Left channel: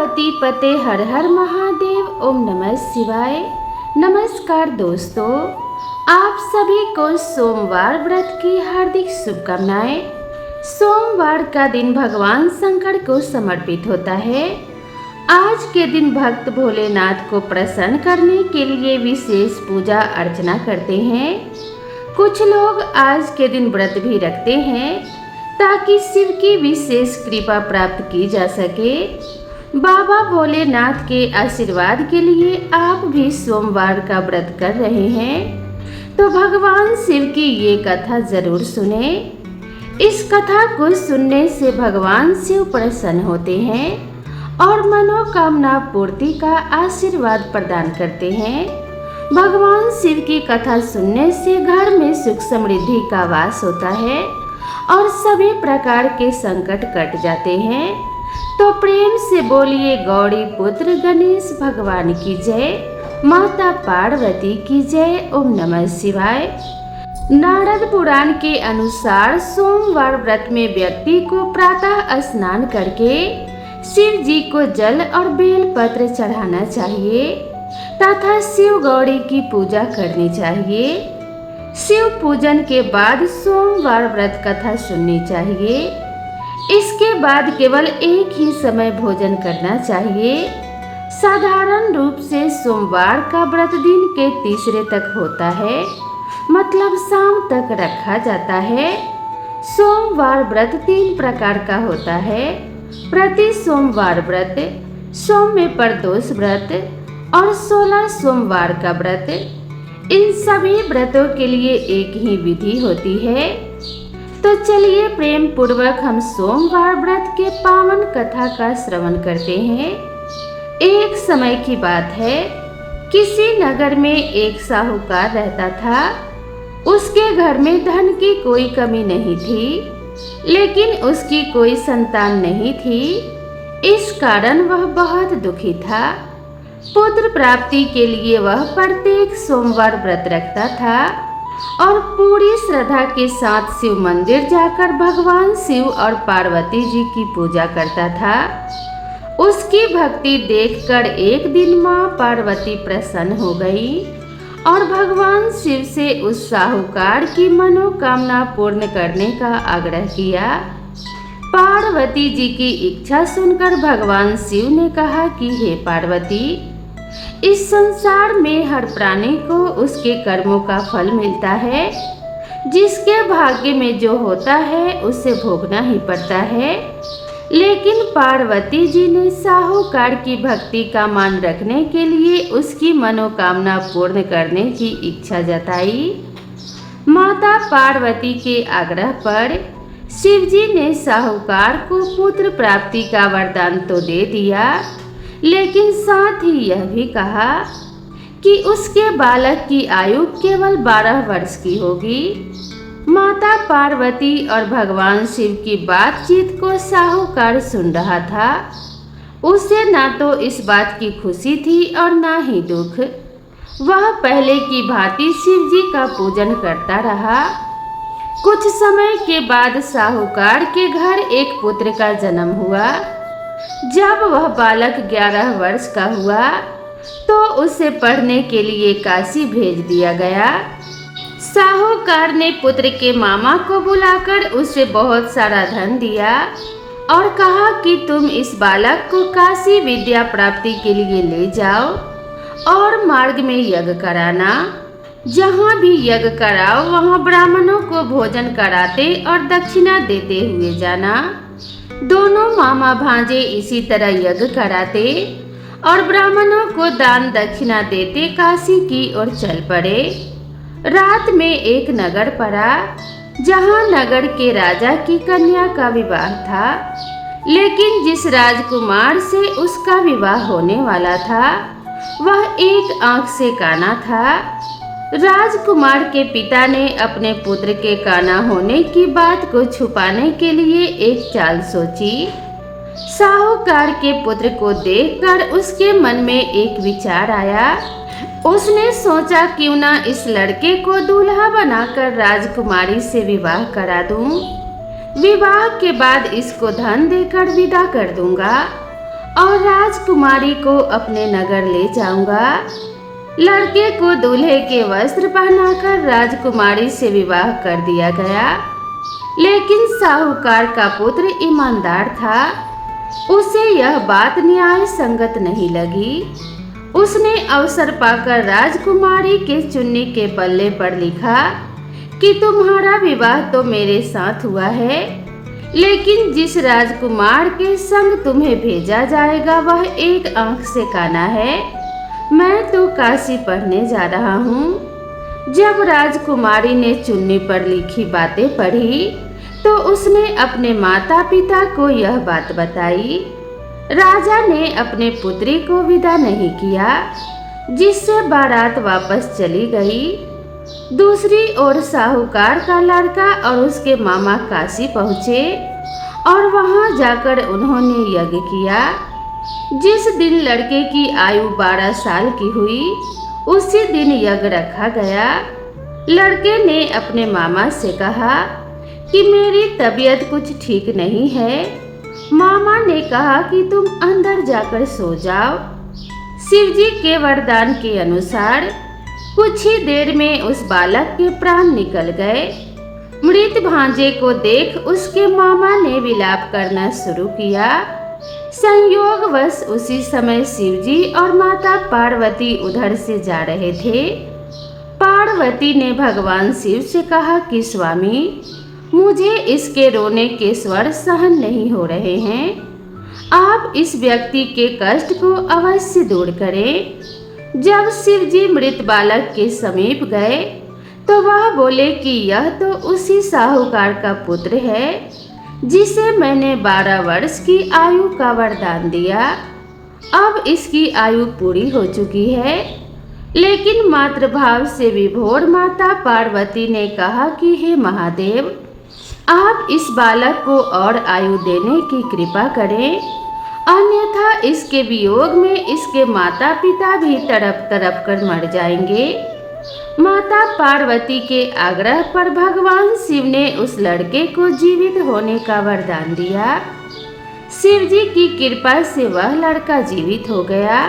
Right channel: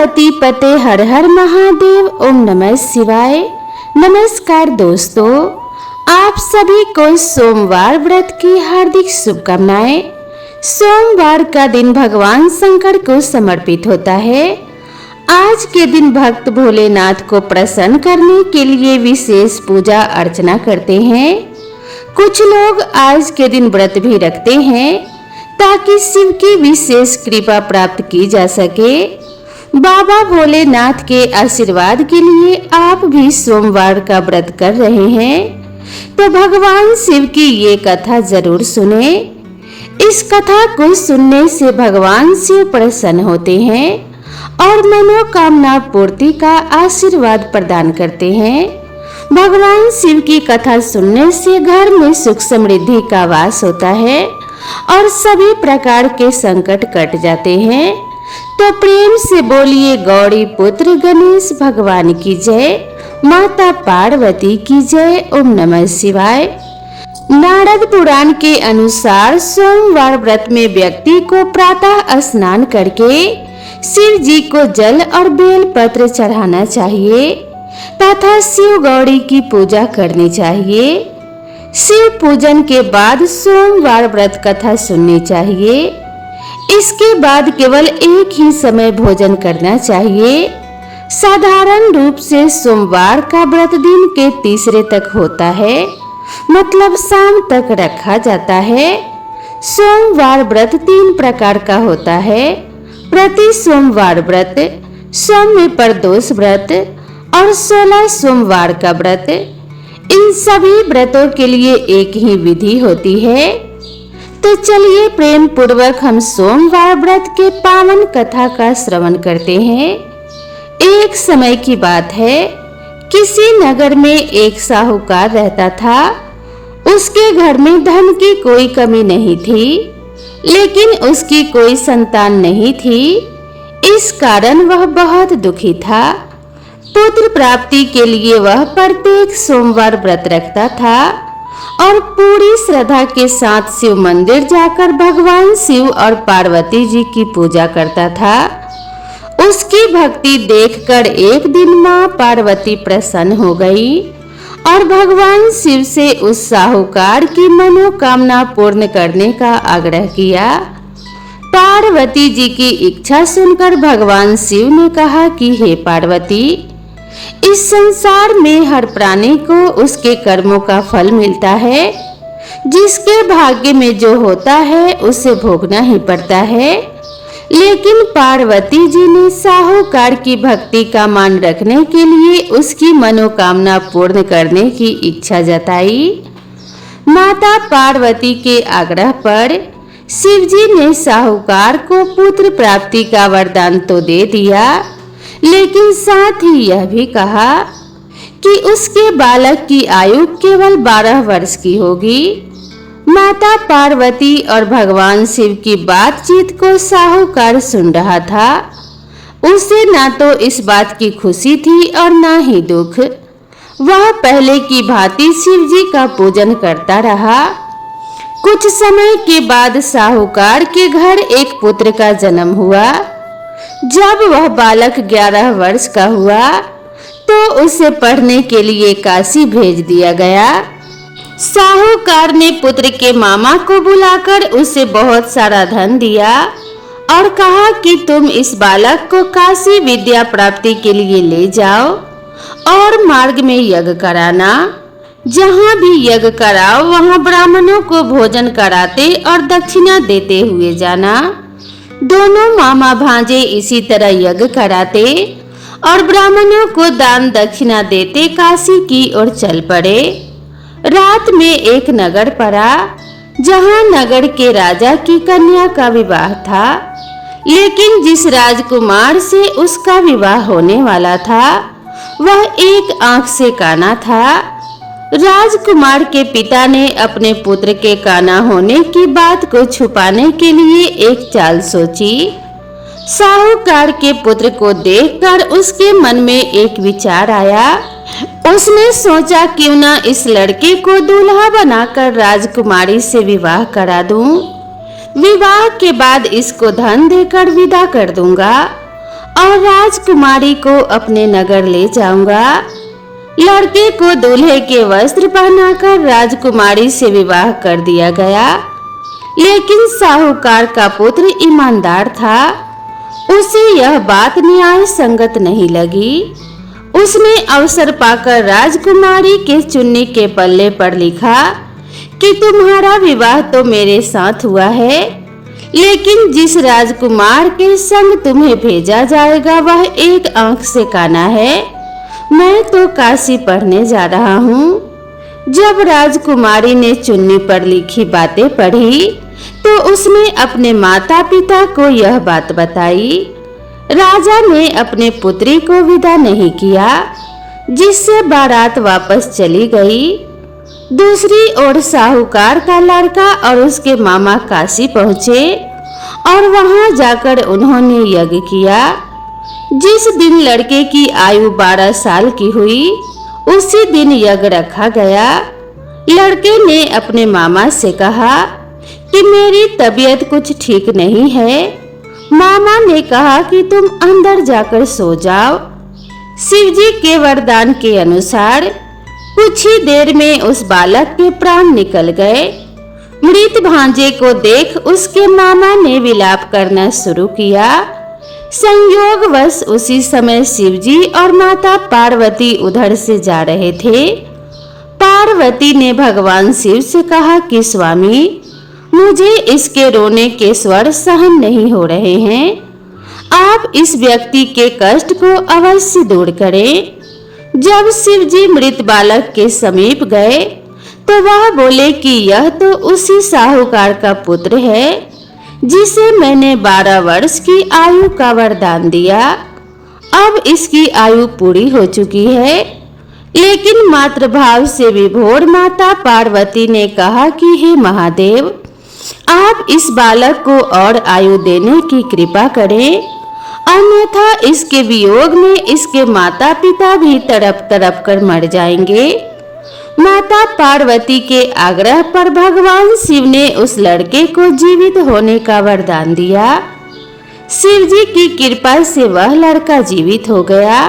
पार्वती पते हर हर महादेव। ओम नमः शिवाय। नमस्कार दोस्तों, आप सभी को सोमवार व्रत की हार्दिक शुभकामनाएं। सोमवार का दिन भगवान शंकर को समर्पित होता है। आज के दिन भक्त भोलेनाथ को प्रसन्न करने के लिए विशेष पूजा अर्चना करते हैं। कुछ लोग आज के दिन व्रत भी रखते हैं ताकि शिव की विशेष कृपा प्राप्त की जा सके। बाबा भोलेनाथ के आशीर्वाद के लिए आप भी सोमवार का व्रत कर रहे हैं तो भगवान शिव की ये कथा जरूर सुने। इस कथा को सुनने से भगवान शिव प्रसन्न होते हैं और मनोकामना पूर्ति का आशीर्वाद प्रदान करते हैं। भगवान शिव की कथा सुनने से घर में सुख समृद्धि का वास होता है और सभी प्रकार के संकट कट जाते हैं। तो प्रेम से बोलिए गौरी पुत्र गणेश भगवान की जय, माता पार्वती की जय। ओम नमः शिवाय। नारद पुराण के अनुसार सोमवार व्रत में व्यक्ति को प्रातः स्नान करके शिव जी को जल और बेल पत्र चढ़ाना चाहिए तथा शिव गौरी की पूजा करनी चाहिए। शिव पूजन के बाद सोमवार व्रत कथा सुननी चाहिए। इसके बाद केवल एक ही समय भोजन करना चाहिए। साधारण रूप से सोमवार का व्रत दिन के तीसरे तक होता है, मतलब शाम तक रखा जाता है। सोमवार व्रत 3 प्रकार का होता है: प्रति सोमवार व्रत, सौम्य प्रदोष व्रत और 16 सोमवार का व्रत। इन सभी व्रतों के लिए एक ही विधि होती है। तो चलिए प्रेम पूर्वक हम सोमवार व्रत के पावन कथा का श्रवण करते हैं। एक समय की बात है, किसी नगर में एक साहूकार रहता था। उसके घर में धन की कोई कमी नहीं थी, लेकिन उसकी कोई संतान नहीं थी। इस कारण वह बहुत दुखी था। पुत्र प्राप्ति के लिए वह प्रत्येक सोमवार व्रत रखता था और पूरी श्रद्धा के साथ शिव मंदिर जाकर भगवान शिव और पार्वती जी की पूजा करता था। उसकी भक्ति देखकर एक दिन मां पार्वती प्रसन्न हो गई और भगवान शिव से उस साहूकार की मनोकामना पूर्ण करने का आग्रह किया। पार्वती जी की इच्छा सुनकर भगवान शिव ने कहा कि हे पार्वती, इस संसार में हर प्राणी को उसके कर्मों का फल मिलता है। जिसके भाग्य में जो होता है उसे भोगना ही पड़ता है। लेकिन पार्वती जी ने साहूकार की भक्ति का मान रखने के लिए उसकी मनोकामना पूर्ण करने की इच्छा जताई। माता पार्वती के आग्रह पर शिव जी ने साहूकार को पुत्र प्राप्ति का वरदान तो दे दिया, लेकिन साथ ही यह भी कहा कि उसके बालक की आयु केवल 12 वर्ष की होगी। माता पार्वती और भगवान शिव की बातचीत को साहूकार सुन रहा था। उसे ना तो इस बात की खुशी थी और ना ही दुख। वह पहले की भांति शिव जी का पूजन करता रहा। कुछ समय के बाद साहूकार के घर एक पुत्र का जन्म हुआ। जब वह बालक 11 वर्ष का हुआ तो उसे पढ़ने के लिए काशी भेज दिया गया। साहूकार ने पुत्र के मामा को बुलाकर उसे बहुत सारा धन दिया और कहा कि तुम इस बालक को काशी विद्या प्राप्ति के लिए ले जाओ और मार्ग में यज्ञ कराना। जहाँ भी यज्ञ कराओ वहाँ ब्राह्मणों को भोजन कराते और दक्षिणा देते हुए जाना। दोनों मामा भांजे इसी तरह यज्ञ कराते और ब्राह्मणों को दान दक्षिणा देते काशी की ओर चल पड़े। रात में एक नगर पड़ा जहाँ नगर के राजा की कन्या का विवाह था, लेकिन जिस राजकुमार से उसका विवाह होने वाला था वह एक आंख से काना था। राजकुमार के पिता ने अपने पुत्र के काना होने की बात को छुपाने के लिए एक चाल सोची। साहूकार के पुत्र को देखकर उसके मन में एक विचार आया। उसने सोचा क्यों ना इस लड़के को दूल्हा बनाकर राजकुमारी से विवाह करा दूं। विवाह के बाद इसको धन देकर विदा कर दूंगा और राजकुमारी को अपने नगर ले जाऊंगा। लड़के को दूल्हे के वस्त्र पहनाकर राजकुमारी से विवाह कर दिया गया। लेकिन साहूकार का पुत्र ईमानदार था। उसे यह बात न्याय संगत नहीं लगी। उसने अवसर पाकर राजकुमारी के चुन्नी के पल्ले पर लिखा कि तुम्हारा विवाह तो मेरे साथ हुआ है, लेकिन जिस राजकुमार के संग तुम्हें भेजा जाएगा वह एक आंख से काना है। मैं तो काशी पढ़ने जा रहा हूँ। जब राजकुमारी ने चुन्नी पर लिखी बातें पढ़ी तो उसने अपने माता पिता को यह बात बताई। राजा ने अपने पुत्री को विदा नहीं किया, जिससे बारात वापस चली गई। दूसरी ओर साहूकार का लड़का और उसके मामा काशी पहुँचे और वहां जाकर उन्होंने यज्ञ किया। जिस दिन लड़के की आयु 12 साल की हुई उसी दिन यज्ञ रखा गया। लड़के ने अपने मामा से कहा कि मेरी तबीयत कुछ ठीक नहीं है। मामा ने कहा कि तुम अंदर जाकर सो जाओ। शिवजी के वरदान के अनुसार कुछ ही देर में उस बालक के प्राण निकल गए। मृत भांजे को देख उसके मामा ने विलाप करना शुरू किया। संयोगवश उसी समय शिवजी और माता पार्वती उधर से जा रहे थे। पार्वती ने भगवान शिव से कहा कि स्वामी, मुझे इसके रोने के स्वर सहन नहीं हो रहे हैं। आप इस व्यक्ति के कष्ट को अवश्य दूर करें। जब शिवजी मृत बालक के समीप गए तो वह बोले कि यह तो उसी साहूकार का पुत्र है जिसे मैंने 12 वर्ष की आयु का वरदान दिया। अब इसकी आयु पूरी हो चुकी है। लेकिन मातृभाव से विभोर माता पार्वती ने कहा कि हे महादेव, आप इस बालक को और आयु देने की कृपा करें, अन्यथा इसके वियोग में इसके माता पिता भी तड़प तड़प कर मर जाएंगे। माता पार्वती के आग्रह पर भगवान शिव ने उस लड़के को जीवित होने का वरदान दिया। शिव जी की कृपा से वह लड़का जीवित हो गया।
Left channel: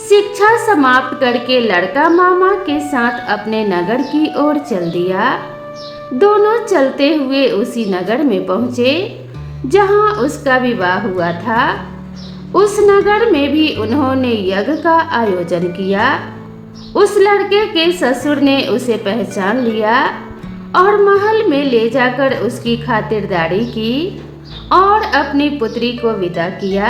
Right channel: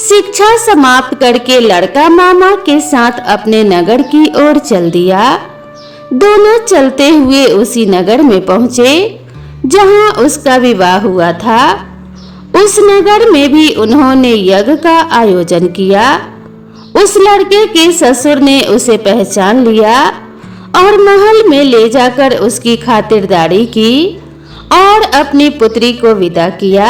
शिक्षा समाप्त करके लड़का मामा के साथ अपने नगर की ओर चल दिया। दोनों चलते हुए उसी नगर में पहुंचे जहां उसका विवाह हुआ था। उस नगर में भी उन्होंने यज्ञ का आयोजन किया। उस लड़के के ससुर ने उसे पहचान लिया और महल में ले जाकर उसकी खातिरदारी की और अपनी पुत्री को विदा किया।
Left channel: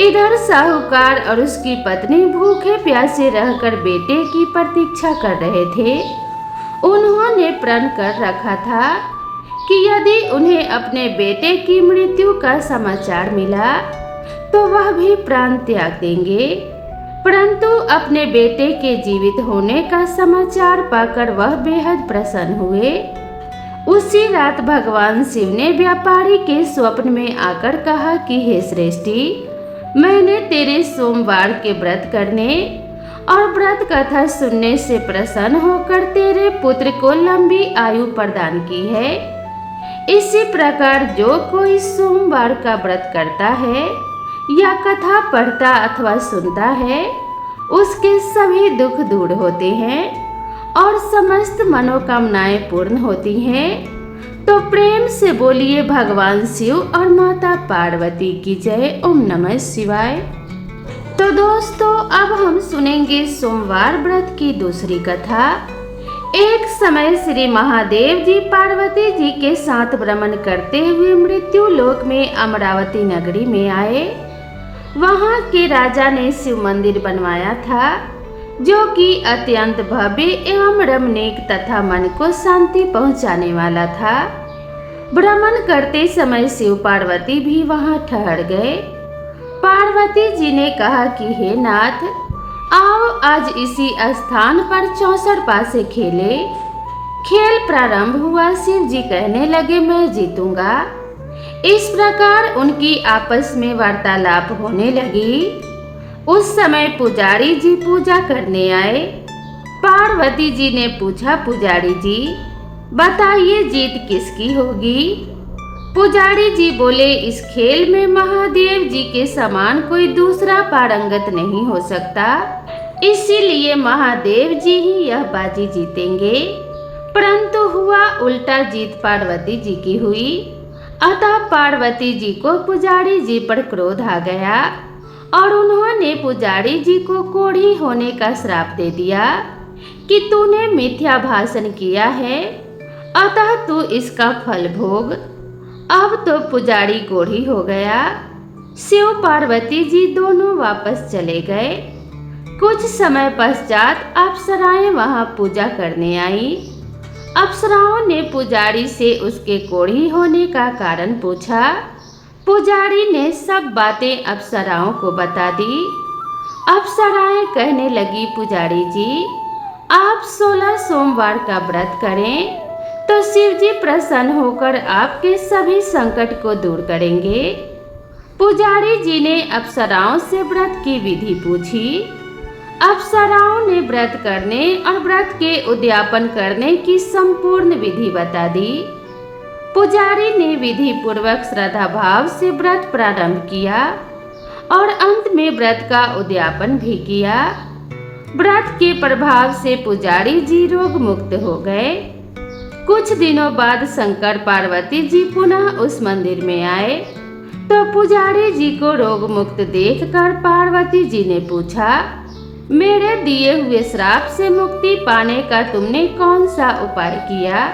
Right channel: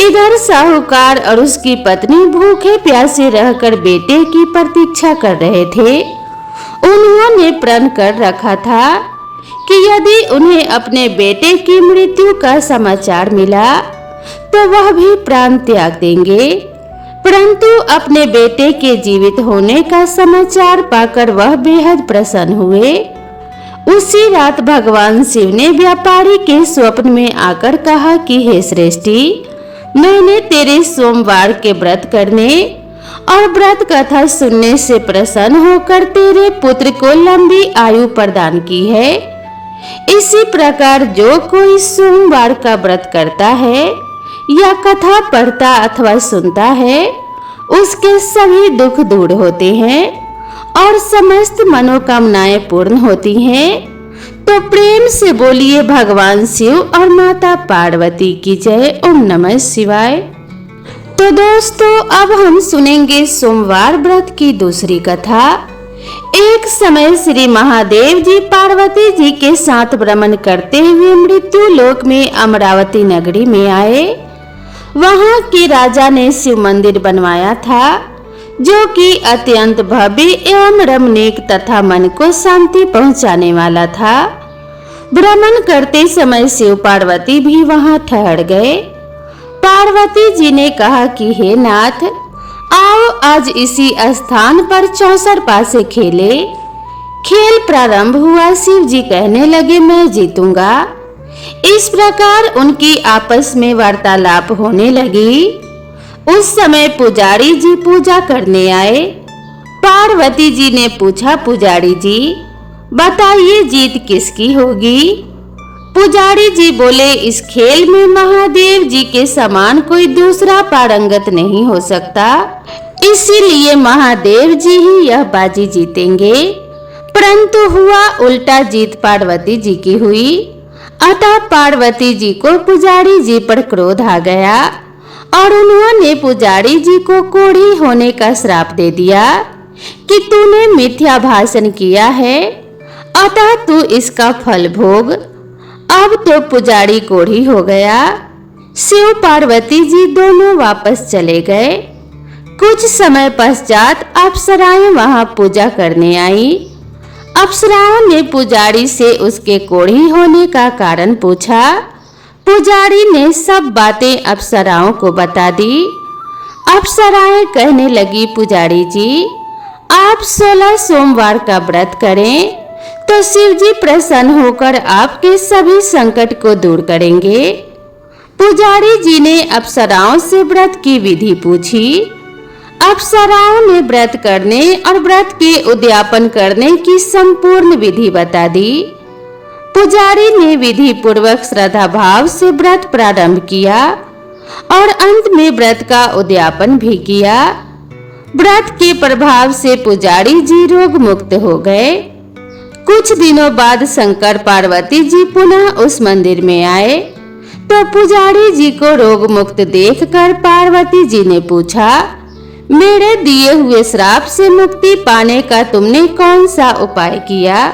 इधर साहूकार और उसकी पत्नी भूखे प्यासे रहकर बेटे की प्रतीक्षा कर रहे थे। उन्होंने प्रण कर रखा था कि यदि उन्हें अपने बेटे की मृत्यु का समाचार मिला तो वह भी प्राण त्याग देंगे, परंतु अपने बेटे के जीवित होने का समाचार पाकर वह बेहद प्रसन्न हुए। उसी रात भगवान शिव ने व्यापारी के स्वप्न में आकर कहा कि हे श्रेष्ठी, मैंने तेरे सोमवार के व्रत करने और व्रत कथा सुनने से प्रसन्न होकर तेरे पुत्र को लंबी आयु प्रदान की है। इसी प्रकार जो कोई सोमवार का व्रत करता है या कथा पढ़ता अथवा सुनता है उसके सभी दुख दूर होते हैं और समस्त मनोकामनाएं पूर्ण होती हैं। तो प्रेम से बोलिए भगवान शिव और माता पार्वती की जय। ओम नमः शिवाय। तो दोस्तों, अब हम सुनेंगे सोमवार व्रत की दूसरी कथा। एक समय श्री महादेव जी पार्वती जी के साथ भ्रमण करते हुए मृत्यु लोक में अमरावती नगरी में आए। वहां के राजा ने शिव मंदिर बनवाया था जो कि अत्यंत भव्य एवं रमणीक तथा मन को शांति पहुंचाने वाला था। भ्रमण करते समय शिव पार्वती भी वहां ठहर गए। पार्वती जी ने कहा कि हे नाथ, आओ आज इसी स्थान पर 64 पासे खेले। खेल प्रारंभ हुआ। शिव जी कहने लगे, मैं जीतूंगा। इस प्रकार उनकी आपस में वार्तालाप होने लगी। उस समय पुजारी जी पूजा करने आए। पार्वती जी ने पूछा, पुजारी जी बताइए जीत किसकी होगी? पुजारी जी बोले, इस खेल में महादेव जी के समान कोई दूसरा पारंगत नहीं हो सकता, इसीलिए महादेव जी ही यह बाजी जीतेंगे। परंतु हुआ उल्टा, जीत पार्वती जी की हुई। अतः पार्वती जी को पुजारी जी पर क्रोध आ गया और उन्होंने पुजारी जी को कोढ़ी होने का श्राप दे दिया कि तूने मिथ्या भाषण किया है, अतः तू इसका फल भोग। अब तो पुजारी कोढ़ी हो गया। शिव पार्वती जी दोनों वापस चले गए। कुछ समय पश्चात अप्सराएं वहां पूजा करने आई। अप्सराओं ने पुजारी से उसके कोढ़ी होने का कारण पूछा। पुजारी ने सब बातें अप्सराओं को बता दी। अप्सराएं कहने लगी, पुजारी जी आप 16 सोमवार का व्रत करें तो शिव जी प्रसन्न होकर आपके सभी संकट को दूर करेंगे। पुजारी जी ने अप्सराओं से व्रत की विधि पूछी। अप्सराओं ने व्रत करने और व्रत के उद्यापन करने की संपूर्ण विधि बता दी। पुजारी ने विधि पूर्वक श्रद्धा भाव से व्रत प्रारंभ किया और अंत में व्रत का उद्यापन भी किया। व्रत के प्रभाव से पुजारी जी रोग मुक्त हो गए। कुछ दिनों बाद शंकर पार्वती जी पुनः उस मंदिर में आए तो पुजारी जी को रोग मुक्त देखकर पार्वती जी ने पूछा, मेरे दिए हुए श्राप से मुक्ति पाने का तुमने कौन सा उपाय किया?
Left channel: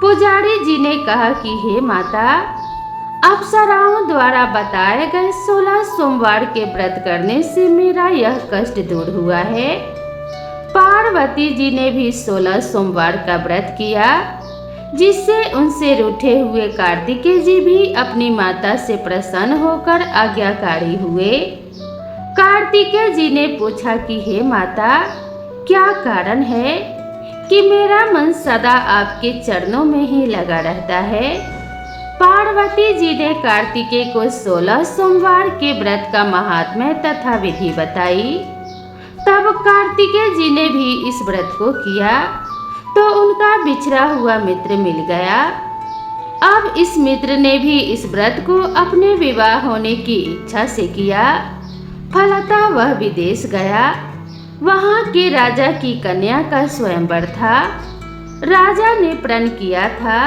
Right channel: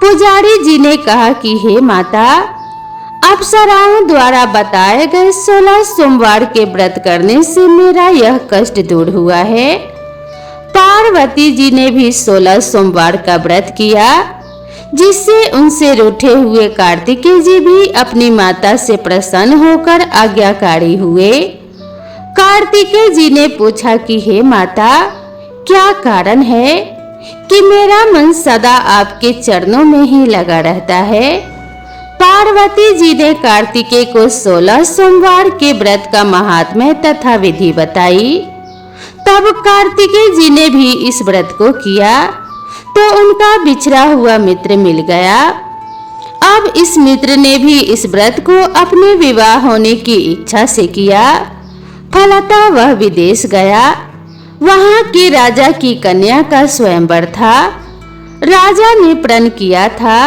पुजारी जी ने कहा कि हे माता, अप्सराओं द्वारा बताए गए 16 सोमवार के व्रत करने से मेरा यह कष्ट दूर हुआ है। पार्वती जी ने भी 16 सोमवार का व्रत किया, जिससे उनसे रूठे हुए कार्तिकेय जी भी अपनी माता से प्रसन्न होकर आज्ञाकारी हुए। कार्तिकेय जी ने पूछा कि हे माता, क्या कारण है कि मेरा मन सदा आपके चरणों में ही लगा रहता है? पार्वती जी ने कार्तिकेय को 16 सोमवार के व्रत का महात्म्य तथा विधि बताई। तब कार्तिकेय जी ने भी इस व्रत को किया तो उनका बिछड़ा हुआ मित्र मिल गया। अब इस मित्र ने भी इस व्रत को अपने विवाह होने की इच्छा से किया। फलतः वह विदेश गया। वहां के राजा की कन्या का स्वयंवर था। राजा ने प्रण किया था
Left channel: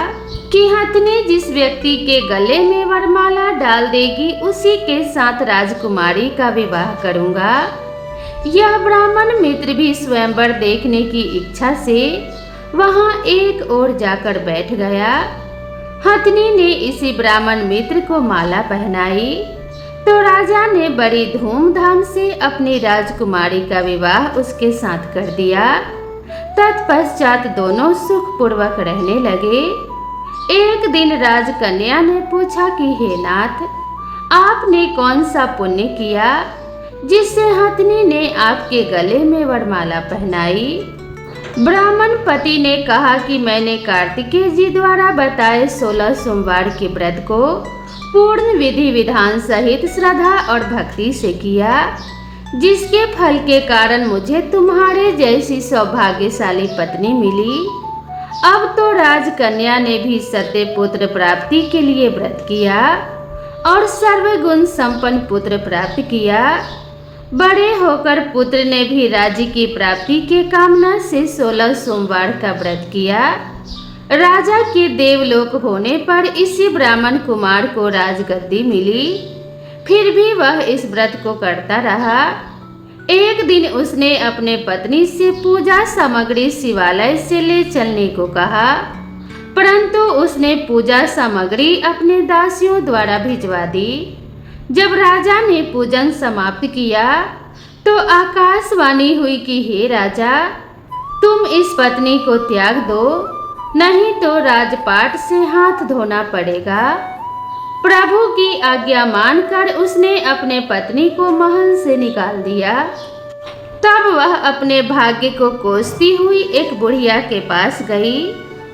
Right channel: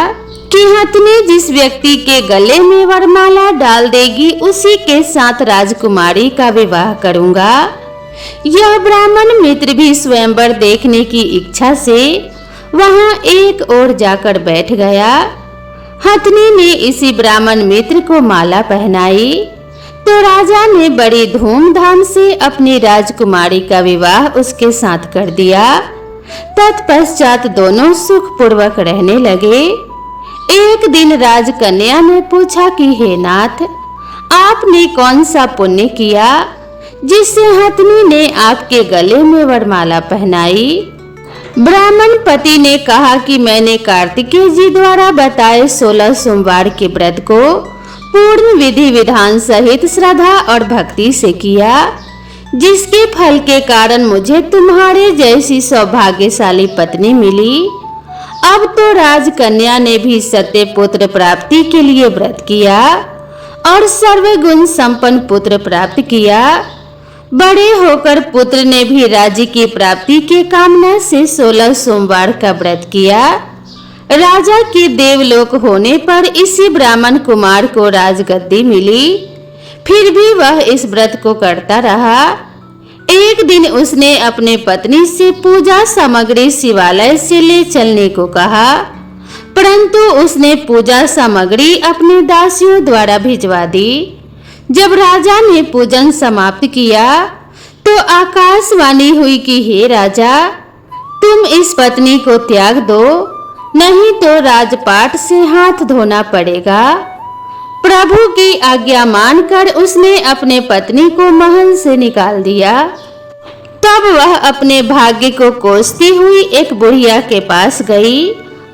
कि हथनी जिस व्यक्ति के गले में वरमाला डाल देगी उसी के साथ राजकुमारी का विवाह करूंगा। यह ब्राह्मण मित्र भी स्वयंवर देखने की इच्छा से वहां एक ओर जाकर बैठ गया। हथनी ने इसी ब्राह्मण मित्र को माला पहनाई तो राजा ने बड़ी धूमधाम से अपनी राजकुमारी का विवाह उसके साथ कर दिया। तत्पश्चात दोनों सुखपूर्वक रहने लगे। एक दिन राजकन्या ने पूछा कि हे नाथ, आपने कौन सा पुण्य किया जिससे हथनी ने आपके गले में वरमाला पहनाई? ब्राह्मण पति ने कहा कि मैंने कार्तिकेय जी द्वारा बताए 16 सोमवार के व्रत को पूर्ण विधि विधान सहित श्रद्धा और भक्ति से किया, जिसके फल के कारण मुझे तुम्हारे जैसी सौभाग्यशाली पत्नी मिली। अब तो राजकन्या ने भी सत्य पुत्र प्राप्ति के लिए व्रत किया और सर्वगुण संपन्न पुत्र प्राप्त किया। बड़े होकर पुत्र ने भी राज्य की प्राप्ति की कामना से 16 सोमवार का व्रत किया। राजा के देवलोक होने पर इसी ब्राह्मण कुमार को राजगद्दी मिली। फिर भी वह इस व्रत को करता रहा। एक दिन उसने अपने पत्नी से पूजा सामग्री शिवालय से ले चलने को कहा, परंतु उसने पूजा सामग्री अपने दासियों द्वारा भिजवा दी। जब राजा ने पूजन समाप्त किया तो आकाशवाणी हुई कि हे राजा, तुम इस पत्नी को त्याग दो, नहीं तो राजपाट से हाथ धोना पड़ेगा। प्रभु की आज्ञा मानकर उसने अपने पत्नी को महल से निकाल दिया। तब वह अपने भाग्य को कोसती हुई एक बुढ़िया के पास गई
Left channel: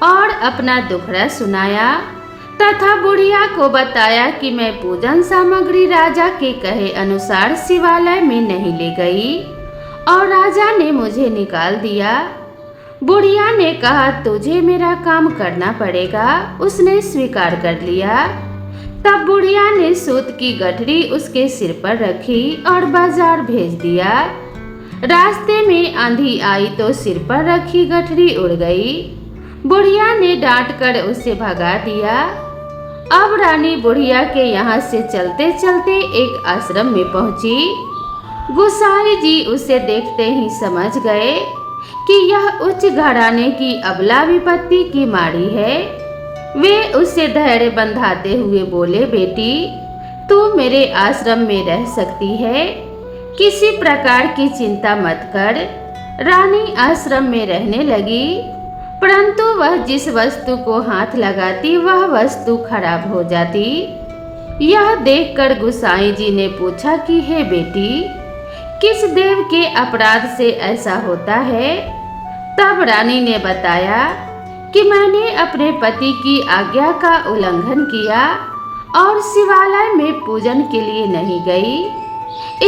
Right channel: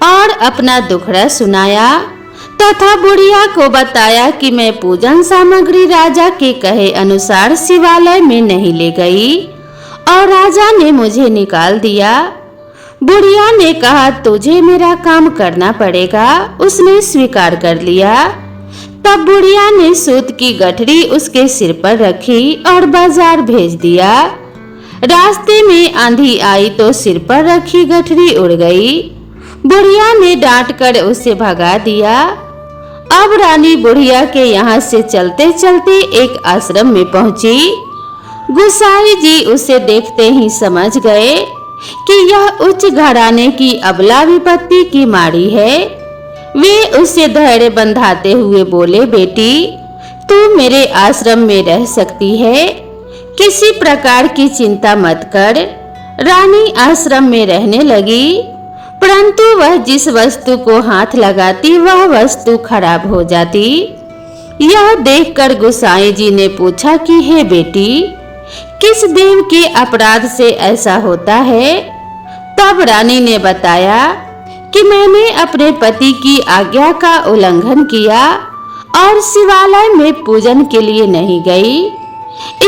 और अपना दुखड़ा सुनाया तथा बुढ़िया को बताया कि मैं पूजन सामग्री राजा के कहे अनुसार शिवालय में नहीं ले गई और राजा ने मुझे निकाल दिया। बुढ़िया ने कहा तुझे मेरा काम करना पड़ेगा। उसने स्वीकार कर लिया। तब बुढ़िया ने सूत की गठरी उसके सिर पर रखी और बाजार भेज दिया। रास्ते में आंधी आई तो सिर पर रखी गठरी उड़ गई। बुढ़िया ने डांटकर उसे भगा दिया। अब रानी बुढ़िया के यहाँ से चलते चलते एक आश्रम में पहुंची। गोसाई जी उसे देखते ही समझ गए कि यह उच्च घराने की अबला विपत्ति की माड़ी है। वे उसे धैर्य बंधाते हुए बोले, बेटी तू मेरे आश्रम में रह सकती है, किसी प्रकार की चिंता मत कर। रानी आश्रम में रहने लगी, परंतु वह जिस वस्तु को हाथ लगाती वह वस्तु खराब हो जाती। यह देखकर गोसाई जी ने पूछा कि हे बेटी, किस देव के अपराध से ऐसा होता है? तब रानी ने बताया कि मैंने अपने पति की आज्ञा का उल्लंघन किया और शिवालय में पूजन के लिए नहीं गई।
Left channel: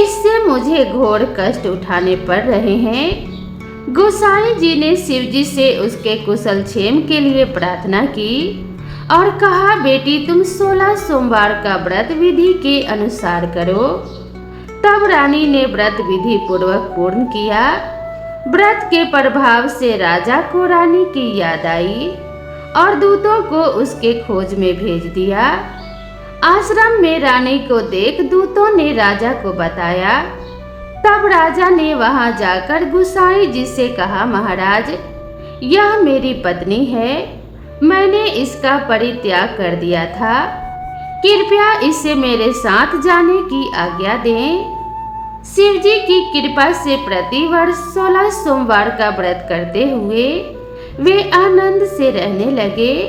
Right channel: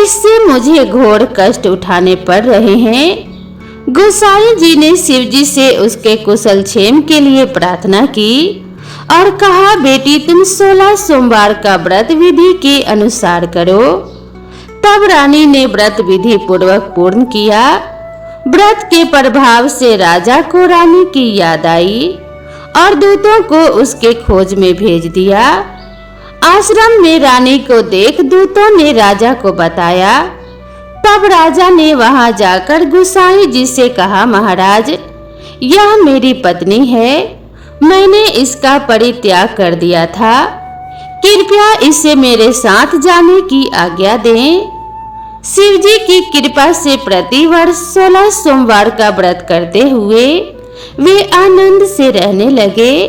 इससे मुझे घोर कष्ट उठाने पड़ रहे हैं। गोसाई जी ने शिव जी से उसके कुशल क्षेम के लिए प्रार्थना की और कहा, बेटी तुम 16 सोमवार का व्रत विधि के अनुसार करो। तब रानी ने व्रत विधि पूर्वक पूर्ण किया। व्रत के प्रभाव से राजा को रानी की याद आई और दूतों को उसके खोज में भेज दिया। आश्रम में रानी को देख दूतों ने राजा को बताया। तब राजा ने वहां जाकर गोसाई जी से कहा, महाराज यह मेरी पत्नी है, मैंने इसका परित्याग कर दिया था, कृपया इसे मेरे साथ जाने की आज्ञा दें। शिव जी की कृपा से प्रतिवर्ष 16 सोमवार का व्रत करते हुए वे आनंद से रहने लगे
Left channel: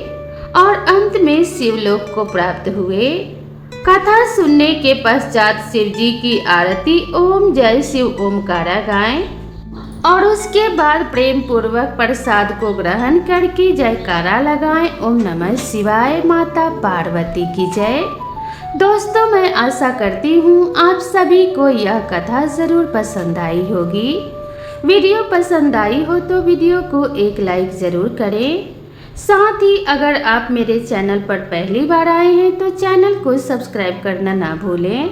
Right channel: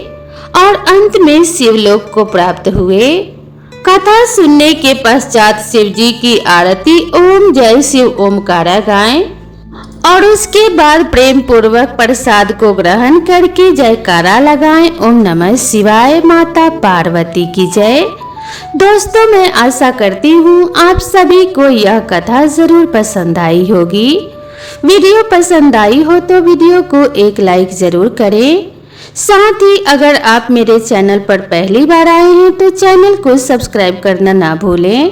और अंत में शिवलोक को प्राप्त हुए। कथा सुनने के पश्चात शिव जी की आरती ओम जय शिव ओमकारा गाएं और उसके बाद प्रेम पूर्वक प्रसाद को ग्रहण करके जयकारा लगाएं। ओम नमः शिवाय। माता पार्वती की जय। दोस्तों मैं आशा करती हूँ आप सभी को यह कथा जरूर पसंद आई होगी। वीडियो पसंद आई हो तो वीडियो को एक लाइक जरूर करें। साथ ही अगर आप मेरे चैनल पर पहली बार आए हैं तो चैनल को सब्सक्राइब करना ना भूलें।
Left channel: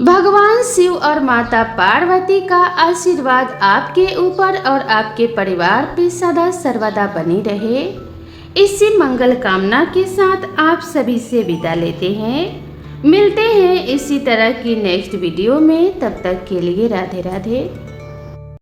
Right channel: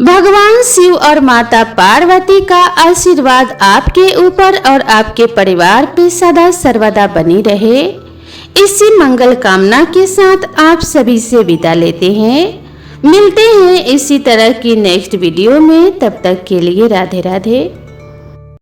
भगवान शिव और माता पार्वती का आशीर्वाद आपके ऊपर और आपके परिवार पे सदा सर्वदा बनी रहे। इसी मंगल कामना के साथ आप सभी से विदा लेते हैं। मिलते हैं इसी तरह की नेक्स्ट वीडियो में। तब तक के लिए राधे राधे।